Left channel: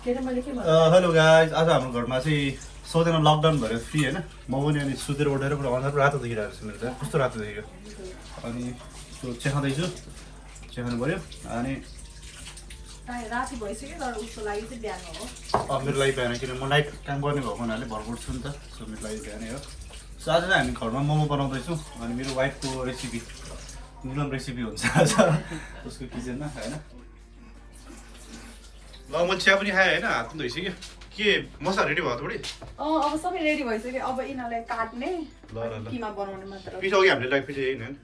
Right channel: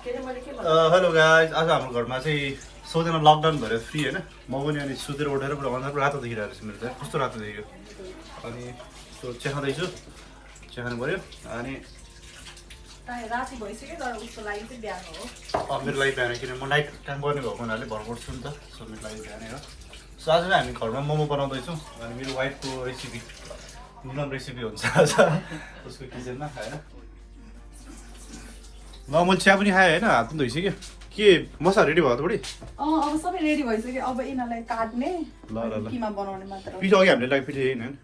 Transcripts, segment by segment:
Hello guys, आज हाम्रो घरमा चाहिँ सबैजना लकडाउन भएर फ्री होइन। म पनि अनि सुतेर उठेर पुरा अनुहार रातो देखिरहेको छ मेरो त। कस्तो रातो देखेको। अनि त्यो चिया खाँदैछु, चिया खानु पऱ्यो। अनि मेरो लागि बिहान, किन म नाइट काम गर्ने भएको हुनाले भरकोट छु नि त। सो मेरो लागि बिहानै हो। सो आज चाहिँ हामी घरमा मोमो बनाउँदैछौँ। अनि मेरो वाइफको रेसिपी मिलन रेसिपी हुन्छ आज उसको किचनमा होइन। ल मैले चिया पनि खाएँ होइन, हात पनि धोइसक्यो। के मसला रेडी भयो त बुढी? अब सबै रेडी भइसक्यो। अब यिनीहरूलाई काट्ने ल किमा बनाउने मात्र। पिठो अघि हामीले ल्याएको पिठो होइन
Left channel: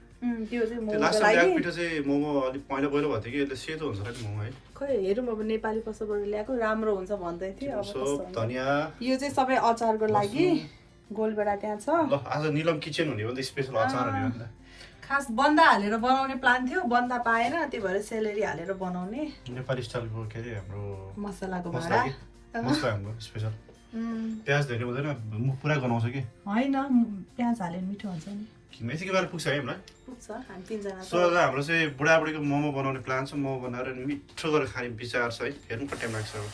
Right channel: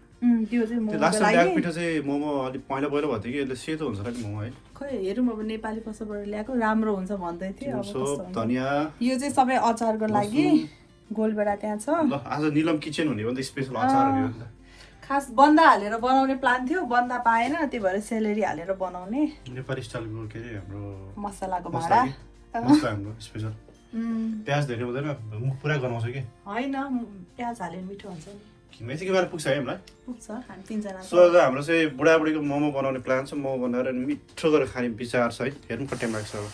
त्यो चाहिँ त्यो लास्ट टाइम ल्याएको पिठो चाहिँ मोमो अलिक पहिला भएको थियो कि यसले सेतो हुन्छ होला नि मोमो है। खै हेरौँ अब नेपाली पसलबाट ल्याएको राम्रो हुन्छ भन्दै थियो। सब धनियाँ यो चाहिँ सबै अचारको लागि गोलबेडा त्यहाँ छ। ल आज निलम किचन हुने हो नि त, स्पेसल अचार हुने हो नि त। खास बन्दा हालेर बनाउने प्लान थियो, बन्दा पाएन, त्यही भएर सेलेरी हालेर बनाउने नेपाली स्टाइलको के अरे हाम्रो मसलाको मसला भाडा मसला हाम्रो स्पेसल। प्याज धेरै हुँदैन, मुख पुरा गनाउँछ कि होइन। प्याज हालेर मिठो हुन्छ नि। मेथीको बेला पुग्छ है हामीलाई। पुग्छ हामी तिनजना। सो आज हाम्रो चाहिँ बुढाबुढीको मोमो बनाउने प्लान छ। मोमो बनाएर मिठो गरेर खाने विचार छ है। हेर्नु कति टाइम लाग्छ अब।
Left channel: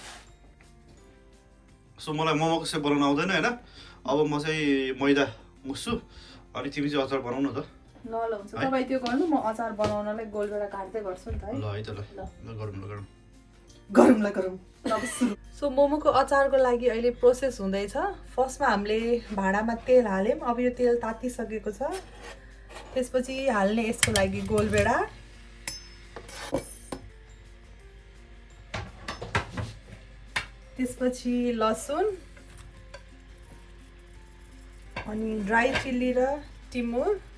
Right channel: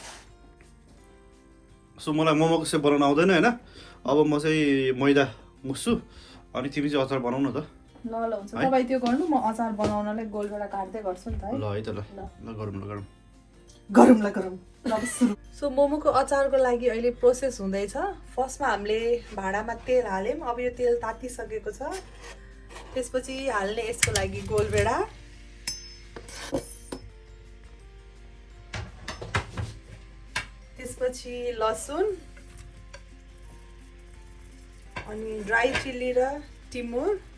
सो मलाई मोमोको सेप बनाउनु आउँदैन होइन। अब म चाहिँ मैदा मुस्छु अनि तिमी चाहिँ अचार बनाउनु त। ल ल हुन्छ। तपाईँ त्यो गर्नु, म अचार बनाउनलाई गोलबेडा काट्दै गर्छु नि त है। ल है त ल गरौँ ल गरौँ गरौँ ल गरौँ। सो मोमोको अचारको लागि अहिले प्रोसेस हुँदैछ। फर्स्टमा हामीले भाँडामा तेल हाल्यौँ। अब यो तेल तातिसकेको छ। त्यसपछि हाल्ने यसको लागि गोलबेडा, त्यसपछि लसुन अनि ड्राई चिल्ली र टिमुर,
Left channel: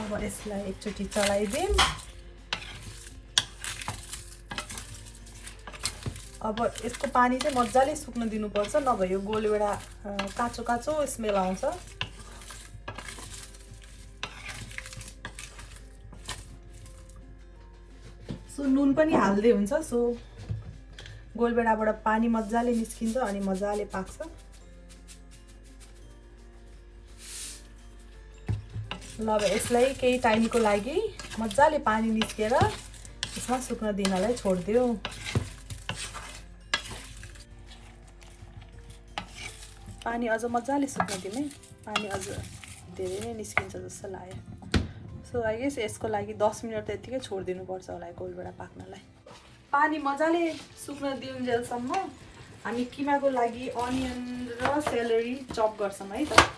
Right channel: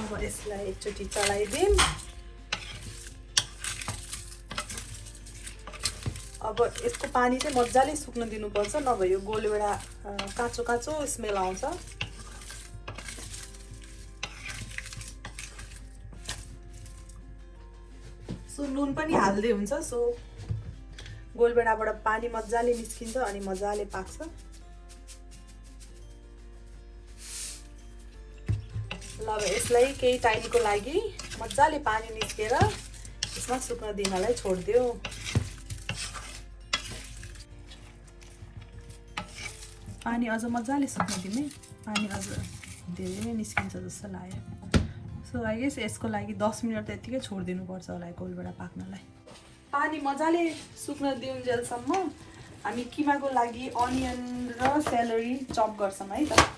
अब यसलाई एकचोटि चलाइदिउँ। अब यसको पानी चाहिँ मजाले सुक्न दिनुपर्छ, नभए यो गोलबेडा काँचो काँचो स्मेल आउँछ। सो नुन पनि हाल्दै हुन्छ। सो गोलबेडाबाट पानी मजाले निस्किन्छ अनि मजाले पाक्छ। ल अब यसलाई केही टाइमको लागि मजाले पानी निस्केर यसमा सुक्न दिनलाई छोडिदियो। पानी अझ मजाले सुक्न दिने। पानी अझ धेरै नै निस्किन्छ जस्तो लाग्यो। सो लागि यसको लागि 10 मिनट त यतिकै छोडिदिनुपर्छ होला गोलबेडा पाक्नलाई। पानी मजाले सुक्न दिउन्जेलसम्म हामी किमाको लागि अनियन र सेलेरी चप गर्छौँ है त।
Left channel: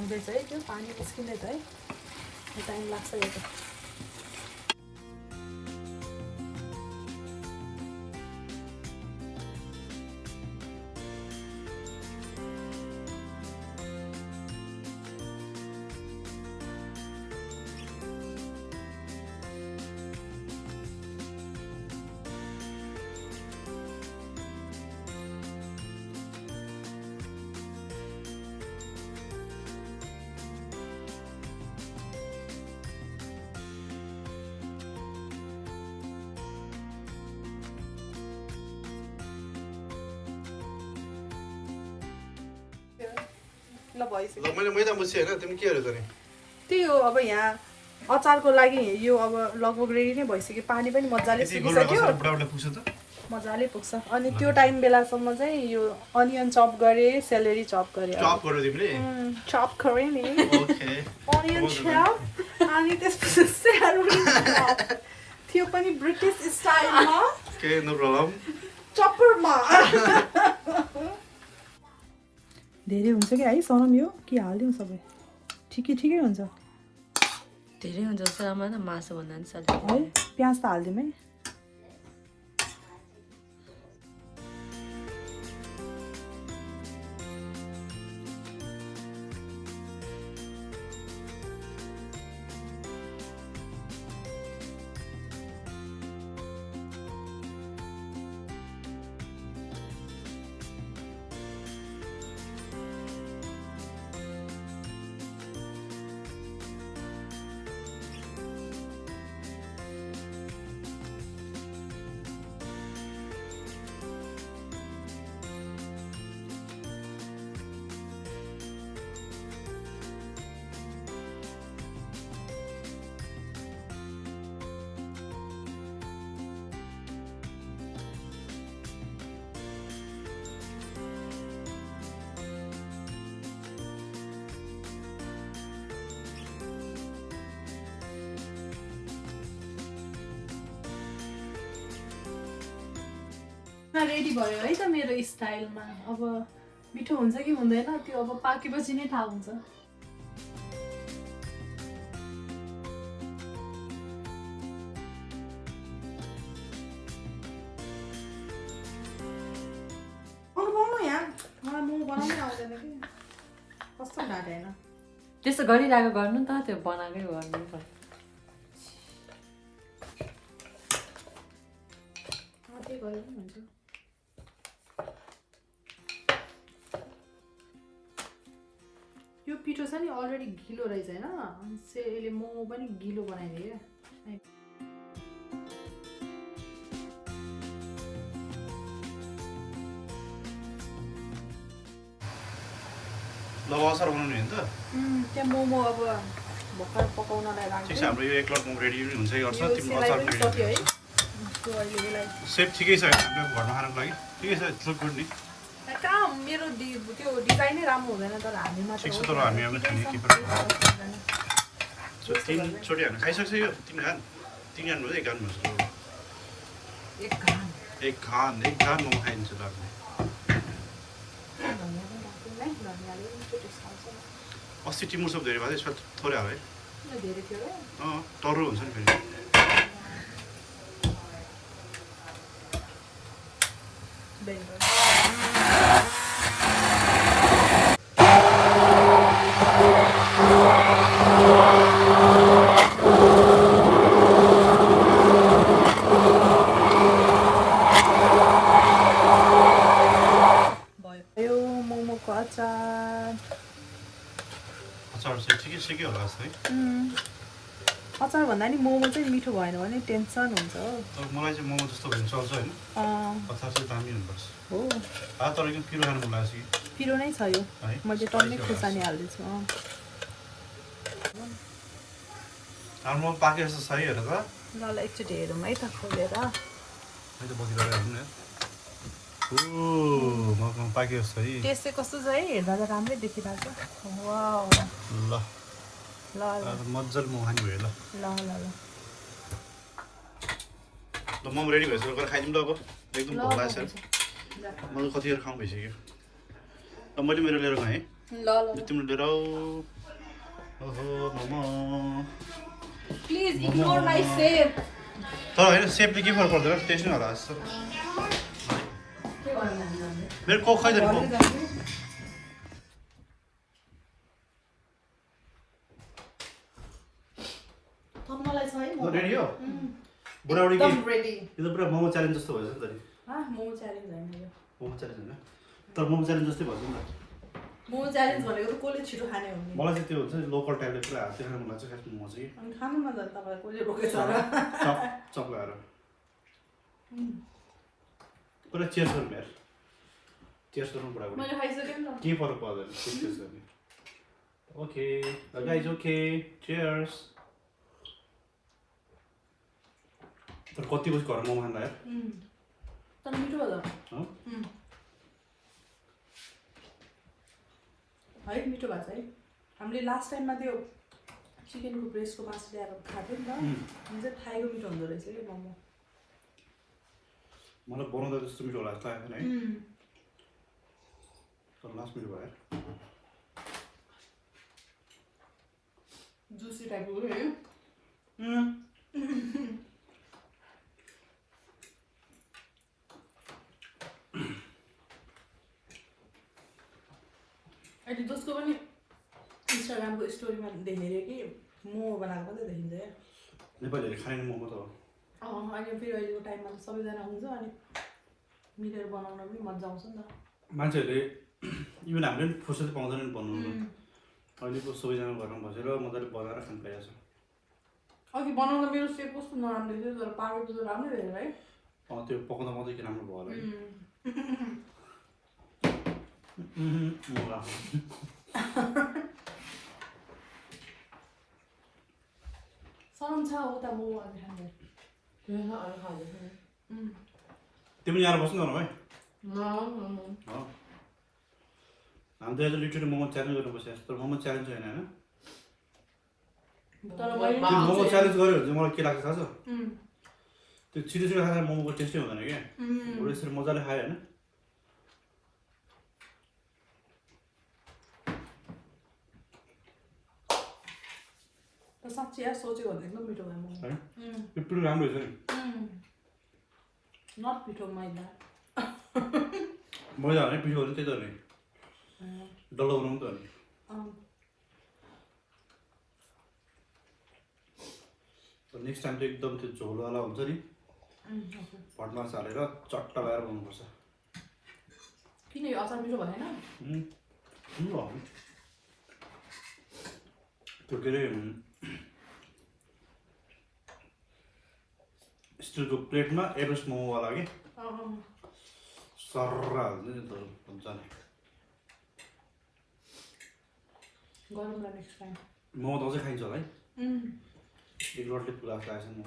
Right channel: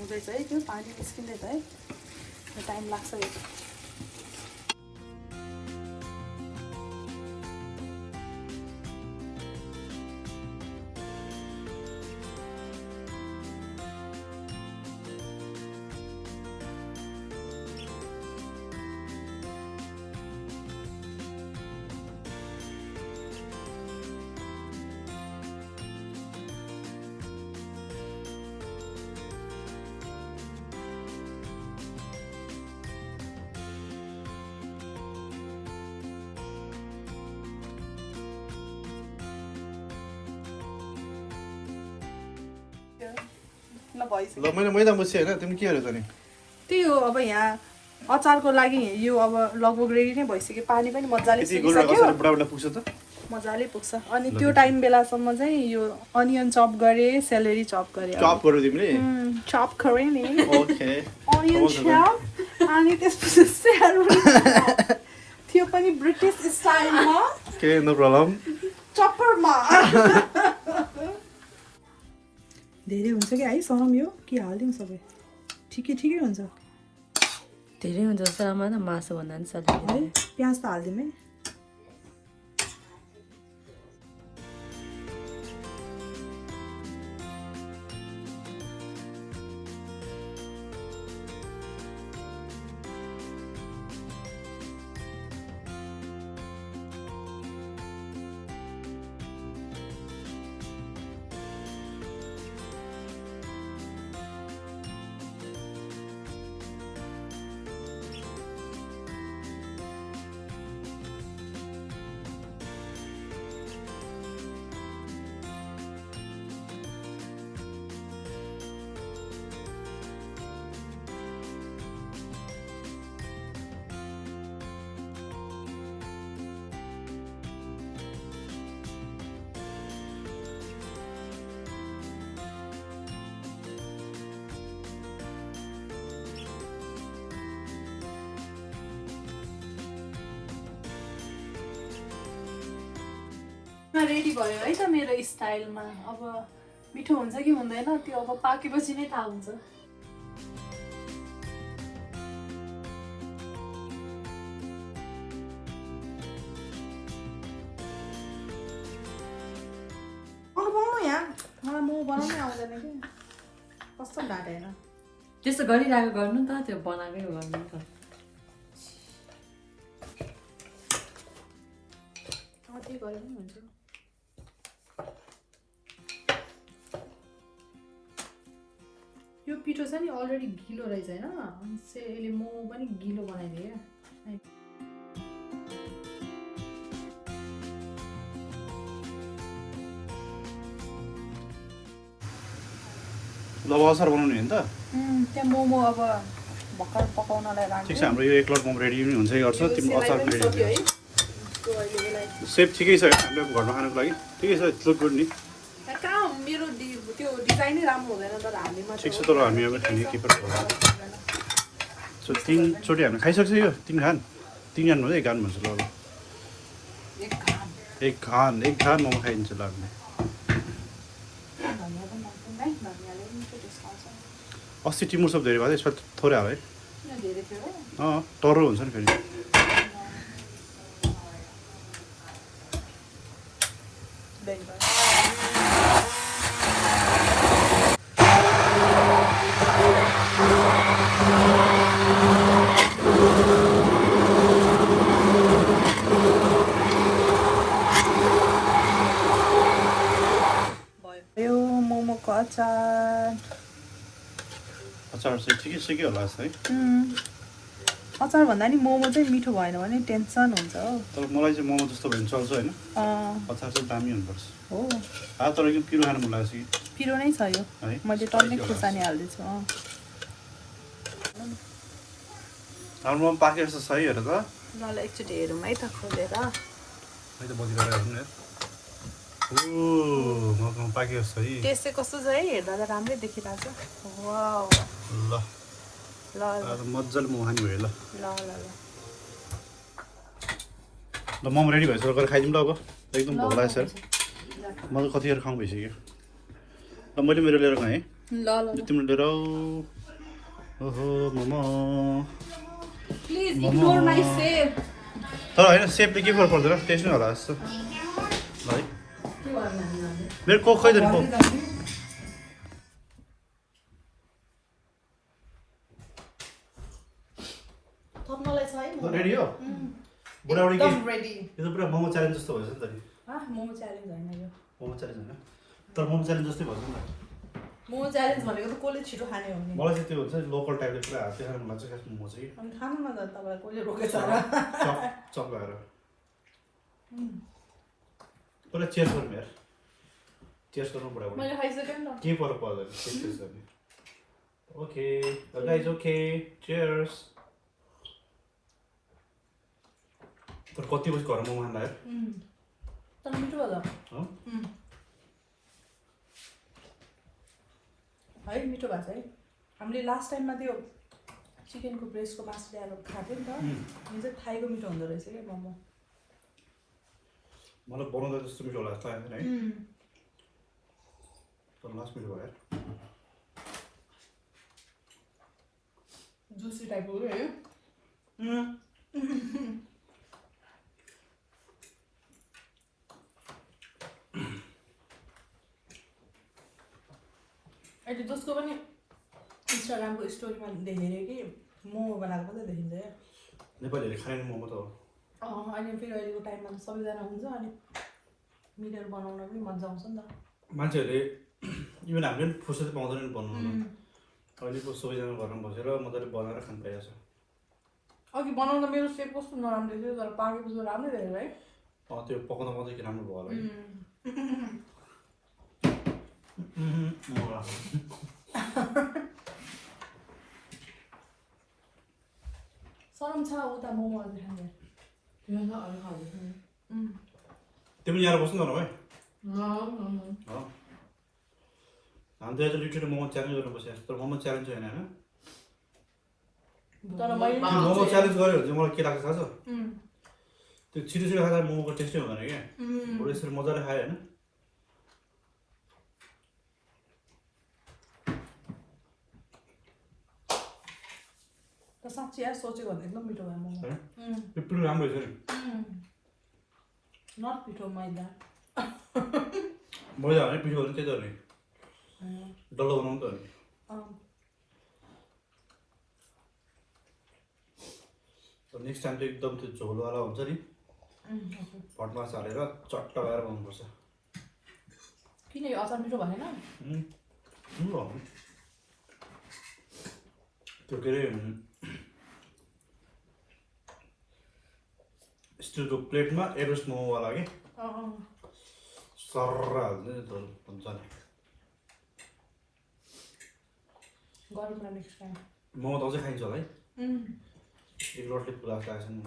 हुँदैछ है, त्यो पानी निस्किँदै त है, टाइम लाग्छ यो त। ल मैले मैदा मुछेँ होइन, तिमी के हेऱ्यौ त नि? त्यही हो। अब यहाँ अचारको लागि यो अब लगभग रेडी नै भइसक्यो। पानी पनि मजाले बुढाबुढा पुग्छ त मजाले पुग्छ। अनि त्यो टाइम बेलासम्म चाहिँ यो अनियन चप गरेँ, सेलेरी चप गरेँ। चप गर्यो तिमीले? चप गरेँ नि। ओके। अनियन चप अनि त्यसपछि सेलेरी थियो पनि ब्रिटिस स्टाइलमा। Okay, no problem. चप्परमा धेरै हुन्छ कि है सनम, यो के हाल्यौँ सबै ठिकै ठिकै हुन्छ। धेरै हुन्छ जस्तो राम्रो त मासु भन्दा पनि सजिलो है। प्याज त हालिदिउँ है। रेडी भयो है त मेरो स्टाइलमा। अब मिठो हुन्छ कि हुँदैन त्यो अब पाकेपछि नै थाहा हुन्छ। म बनाउनै आउँदैन कि कस्तो ढाँटे होइन। त्यस्तो गरिरहेको गर्नु नि त, त्यो बनाएकै गर्नु नि त। त्यही गरेर पनि हुन्छ। यो पिठो छ नि अलरेडी गिलो रहेछ होइन, अनि यसले मोमो पनि गिलो बनाइदियो। ल अचार बनाउने हो नि त। त्यहाँ मोमो अब भर्खर पकाउनलाई राख्छ। ठिक छ, हाम्रो यो 1 लोड मोमो रेडी पनि हुन्छै गर्छ। तिम्रो अचार पनि रेडी हुन्छ। सेप ठिकै छ होइन, हाम्रो घरमा खानुको लागि ठिकै छ। लुक गुड नि। कहाँ मेरो त्यो डिजाइनै राम्रो हुँदैन तर हामीमा ठिक छ, तर हामी अब खाने के पनि सो 3 चोटि हामी खाइसक्छ। यो 3 खान 3 खान भन्दा 1 खान भन्छ। ल एक खान मोमो खाइदिन्छ ल हामीले। अस्ति टिमुर सब धेरै भयो, यसपालि थोरै आयो है। टर्रो हुन्छ नि फेरि। अचार चाहिँ ठिकै होला जस्तो है। अचार भन्दा नि मोमो चाहिँ मिठो भएन भने टेन्सन हुन्छ। तर मलाई चाहिँ मोमो जस्तो भयो भने चल्छ होइन। अचार चाहिँ दामी हुनुपर्छ। तर एकदम पिरो खानु मन लाग्छ कि। पिरो नै छ यो है, मैले टक्कै खुर्सानी हाल्दैछु। हाम्रो मोमो पाके जस्तो छ है। हेर त एकचोटि हेरौँ है त खोलेर। है त बदिरहेको हेर्नु न। मोमो पाके जस्तो है। टेस्ट चाहिँ कस्तो छ है, हेर्दा त राम्रै देखिरहेको छ। ल मजाले मोमो खाने भयो। ल मोमो रेडी भइसक्यो, गएर खाइदिउँ ल। अब एकदम भोक लागेको छ। मलाई कतिखेर खाउँ भइसक्यो। ल मैले मेरो लिएर गएँ है। तिम्रो लिएर आऊ। ओहो मोमो तर होइन, सेपले के फरक पर्दैन, टेस्ट नै होला जस्तो है। मेरो कोक खै त नि कोक। रेडी हो बुढाबुढी यो त पुरा मोमो च्यालेन्ज जस्तो भएछ नि त नि। मोमो च्यालेन्ज होइन यो। मोमो च्यालेन्ज होइन, तर मोमो च्यालेन्ज जस्तै भन्छ नि त। मोमो च्यालेन्ज भनेको त कसले छिटो खाने हो नि। मलाई चाहिँ त्यो हुन्छ नि लोकल टाइपले पुरा हातले खानु मन लाग्छ खास मोमो चाहिँ। अनि खानु न त तपाईँलाई कसले रोकेछ र। चक लगाएर पहिला चेयर्स गर्नु यार। चेयर्स गर्नु बुढाबुढी। मैले खाइसकेँ नि त। के फरक पर्दैन चेयर्स गर्ने। Okay guys, okay chairs. तर कति बजी घर मोमो खानु यार। तर मिठो भयो त है, मिठो भएको छ है। हामीले लास्ट टाइममा त्यो चिकनको ब्रेस्टको मासु ल्याएर खाएको नि त, अनि चाहिँ थाईको मिठो हुँदो रहेछ क्या मोमो। मलाई बनाउँदा जस्तो मिठो होला जस्तो आएन है, तर लास्ट मिठो भयो यार। जुसी टाइपको है। अहिले जसको पनि इन्स्टाग्रामको स्टोरीमा देखेर कि मोमो बनाएको मात्रै देखिन्छ क्या। नेपालीहरूले खाने मोमो त हो। अहिले फेरि अहिलेको टाइममा त सबैजना हुन्छ, अनि मिलेर बनाउन पनि मजा आउँछ नि त। मान्छेहरूले इभन हामीले पनि फुर्सद पाउँदैन नि बनाउनु। अहिलेको सबैजना घरमा बसेर मजाले बनाएर खानु पाइरहेछ। अघि बनाउँदा मेरो सेप कस्तो नराम्रो थियो, तर पाकेपछि त राम्रै भयो है। त्यो पकाउँदा मात्रै राम्रो भयो होला है। सरम छ उता मोमो खाने। तिमी यहाँ बस्नु न भाइ। हामी त लिटरली मोमो च्यालेन्ज गरेर बसेको छ, तर मोमो च्यालेन्ज होइन होइन। तर मैले मोमो च्यालेन्ज गऱ्यो भने चाहिँ मलाई के लाग्छ थाहा छ? त्यो छिटो छिटो खाँदा मोमोको टेस्टै हुँदैन क्या बरु यसरी मजाले खायो होइन साँच्ची यार सोचेको भन्दा एकदम मिठो भयो मोमो त्यो पिरो राम्रो रहेछ नि नट पिठो मैदा मैदा भने पिठो भने त्यही त नि डल्लो बनाउनु त नि नेक्स्ट टाइम चाहिँ एकदम त्यो झोलवाला हुन्छ नि भटमास हालेर चट्टा भएर बनाउनुपर्छ किन यो अचार मिठो भएन त्यो के अरे स्टिलको प्लेटमा एभरेस्ट मोमोवाला कि सर्रा हाल्छ नि झोल हुन्छ नि गरौँ न नेक्स्ट टाइम मोमो त अझै खाइन्छ होला है एक रटले पुरा खाएको छ नि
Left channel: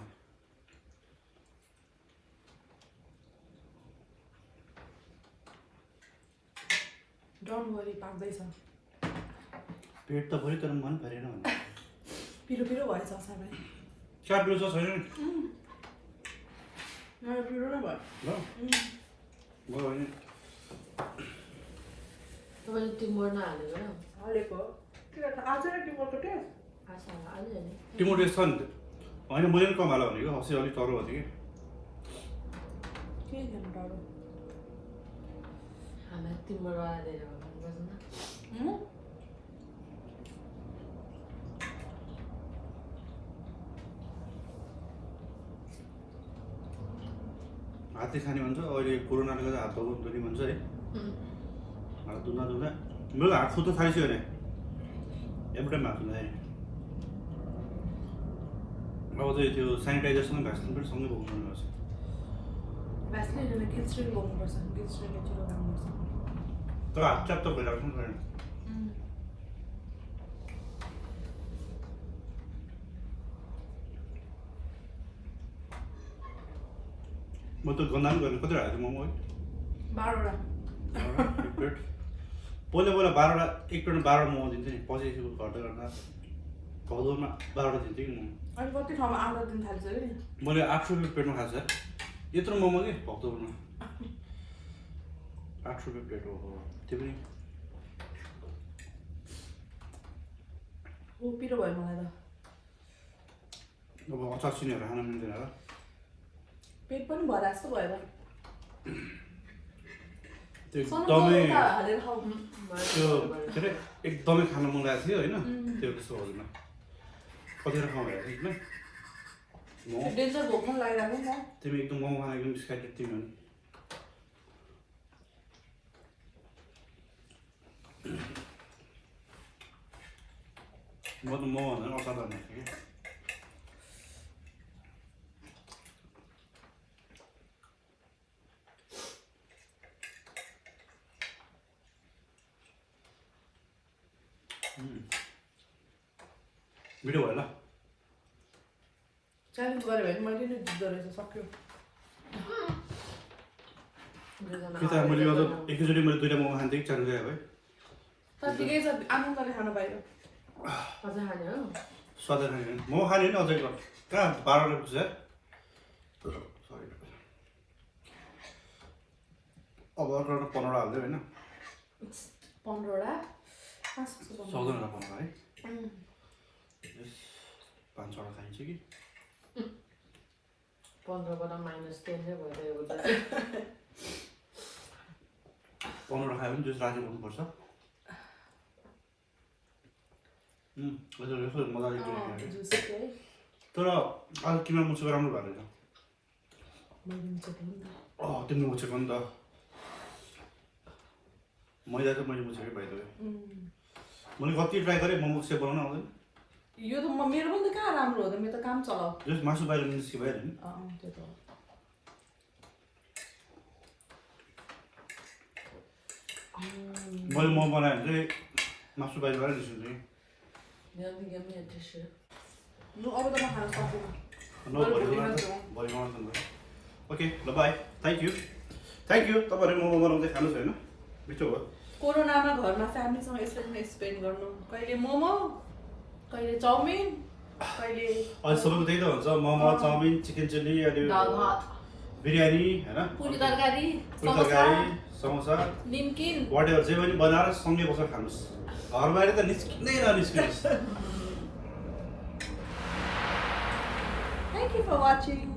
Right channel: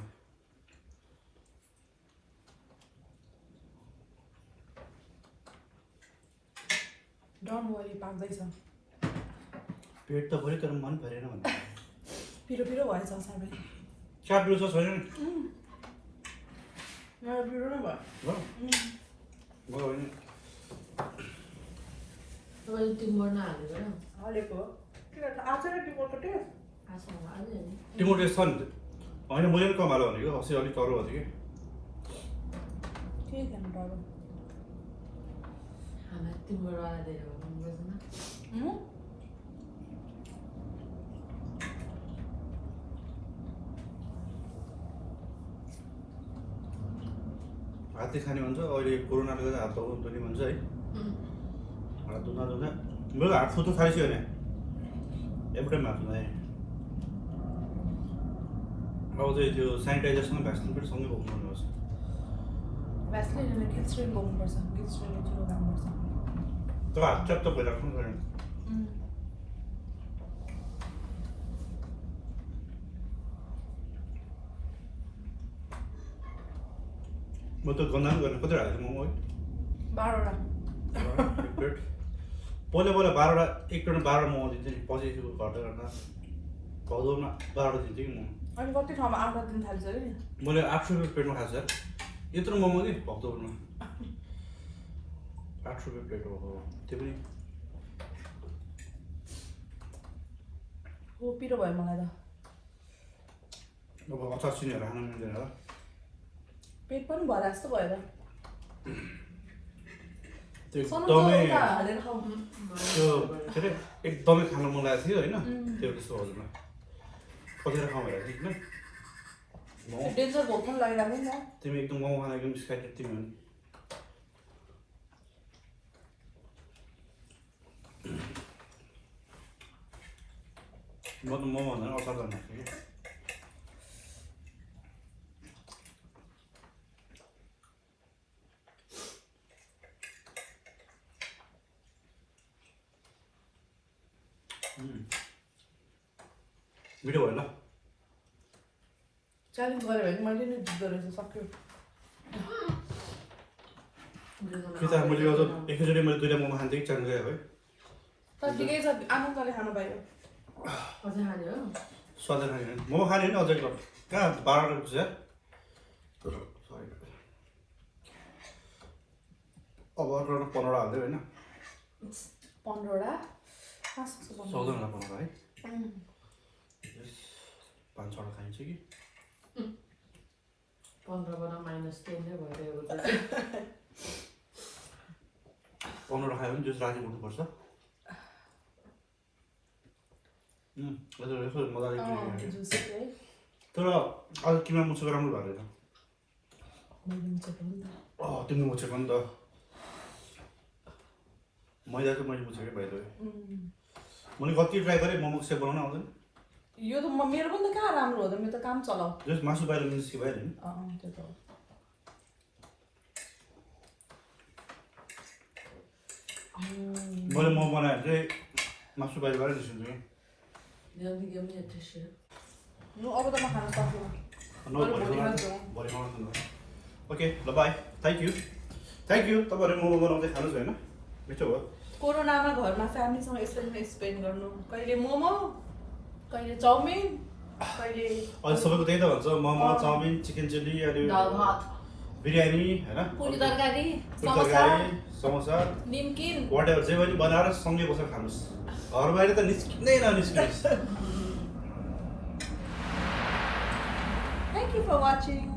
डोन्ट वरी पाक्दैछ पेट त भयो तर मन फेरेन भने पिरो पिरो भएछ अचार पनि क्या पिरो छ छैन मेरो पिरो नै भयो ल भयो भने तपाईँले टिम्बर नहालेको र हालेको किन आज नै टिमोटो टेस्ट आसँग हाल्यो नि टिमोटो टेस्ट छ नि त होइन मैले पनि कम हाल्यो भनेको अस्ति अलिक टरो भएको थियो के खानु डरो हामीलाई टिम्बरवाला दिएर भन्नुपर्दैन हातले खाने भन्छ अहिले कोरोनाले गर्दा हात धुने भन्छ है हात धुँदा धुँदा मेरो हात फुट्नु थालिसक्यो भने एउटा हात धुँदाखेरि अब चाहिँ त्यो सेनिटाइजरसँग भ्याक्सिन पनि सँगै बोक्नु पर्छ भ्याक्सिन ग्लिसरिन बोक्नुपर्छ ग्लिसरिनले छिटो काम गर्छ तर हात च्याप्प भइराख्नु पऱ्यो म त गन्दा पनि गर्ने कति हालेको मोमो है 12वटा एक प्लेट पहिला 12वटा एक प्लेटमा 12वटा मोमो दिन्थ्यो नि पछि घट्दै गर्दा भदौमा 12वटा दिन्थ्यो कि मोमो अनि कति ठाउँमा 8 दिन थालिसक्यो नि मैले 800 रुपियाँ प्लेटमा खाएको छ यत्रो मोमो कि भक्तपुरमा 8 रुपियाँ प्लेट हो त्यो पनि हो पिरो भयो मलाई त अब अचार सिनीहरू खान मिल्दैन होला पेट पनि भरा जस्तो भयो त त्यो एकदमै हालेर खाऊ त्यो के अरे एकदमै खानु मन लागेको थियो होइन त्यो त्यस्तो हुँदैन कतिवटा खाउँ होला होइन डेन्जर भोक पनि लागिरहेको नि त तिमी एकदम मोमो खान एकदम एक्साइटेड तिमी हो म त मोमो भन्दा पनि अचार भन्नु कि मिठो भयो ल च्यालेन्ज गऱ्यो भने मैले नै जित्दो रहेछ सक्यो कि त मैले अझ एकैचोटि मैले 2टा मोमो खान्थेँ कि च्यालेन्ज गयो है तर ठिकै छ आनन्दले खानु पाइयो अझै खाने हो स्वादै खाने होइन मोमो खाने होइन अझै कहाँ 12 रुपियाँ यार सरी अब अर्को 15वटा हाल्दै होइन 15वटा कहाँ सक्छ 14वटा 15 है 5-6वटा खाइन्छ कि 15बाट -10 नै भइरहेको छ 15वटा खायो भने जुस राजी गर्नुपर्छ यसो मजाले तर आज तिमीलाई मुछेको राम्रो भएको रहेछ तिमीले मुछेको नि त मैदा चाहिँ मैले मुछेकै भइदियो मैले कति ट्राई गरेँ मोमो सेप बनाउन आउँदैन यो त मेरो पनि त कहाँ राम्रो हो त मेरो त काम चलाऊ जस मासु बाहिर निस्कि भइहाल्यो नि त्यो त मैले मोमो बनाएँ भने चाहिँ मासु बाहिर निस्किन्छ कि अब त म खान सक्दिनँ ओके ल बाई थ्याङ्क यू तपाईँहरू मोमो बनाउँदै खानुहोस् होइन मिठो भयो कोरोनामा घरमा फ्यामिलीसँग यसरी नै स्पेन्ड गर्नु कहिले मोमो कहिले चाउमिन कहिले अहिले सबैको त्यही त हुन्छ मोमो चाउमिन चिकन चिल्ली अनि दाल भात बिरयानी होइन पुरी तरकारी पुरी तरकारी समोसा निम्किन वाट एभर जे पनि बनाएर सँगै बसेर खानुहोस् घर बाहिर त निस्किँदै ननिस्किनुहोस् Thank you for watching.